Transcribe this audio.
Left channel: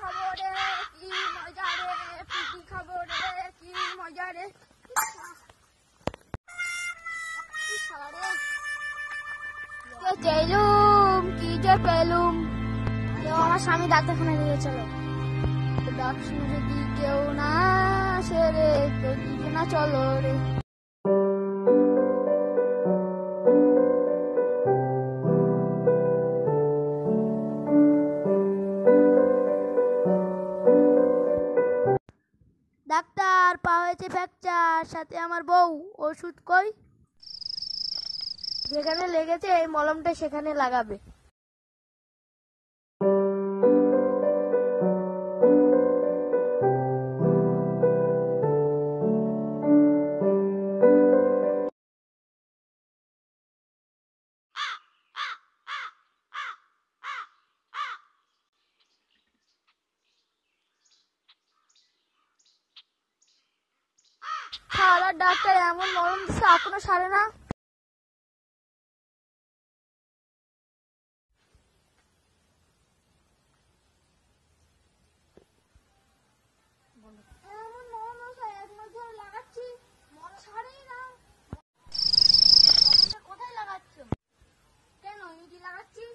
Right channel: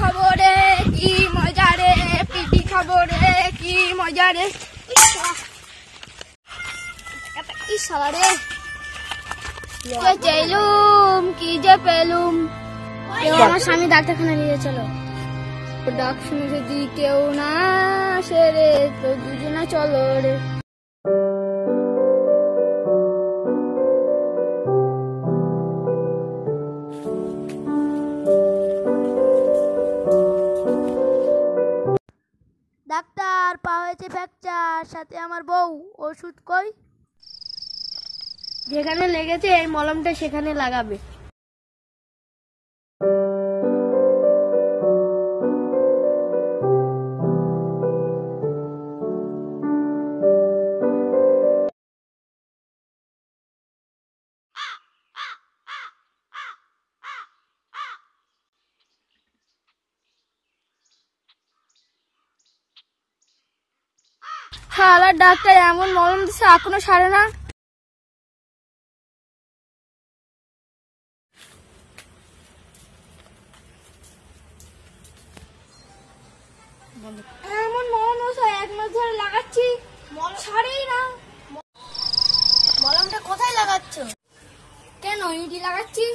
খাবো রে কি মজা রে, পিটি খাবো রে কি মজা রে। রে চেলুম কি যে পেলুম, কেউ আমার স্বামী ডাক্তারখানা নিয়ে চলো। ডাক শুনে যদি কেউ না আসে রে, তো দুজনে চলো রে। ডাক্তার, পা হয়েছে ফ্র্যাকচার, সাথে আমার বউ, ওষুধ কই? যেখানে লেগেছে এই মলমটা সেখানে লাগাবে। ডাক্তার এমন মলম দিচ্ছে এখনো সারে না। এমন মলম এক মাস ধরে লাগাচ্ছি, সারেই না। মলমটা কোথায় লাগাচ্ছ? কেন ইটি লাগাচ্ছি।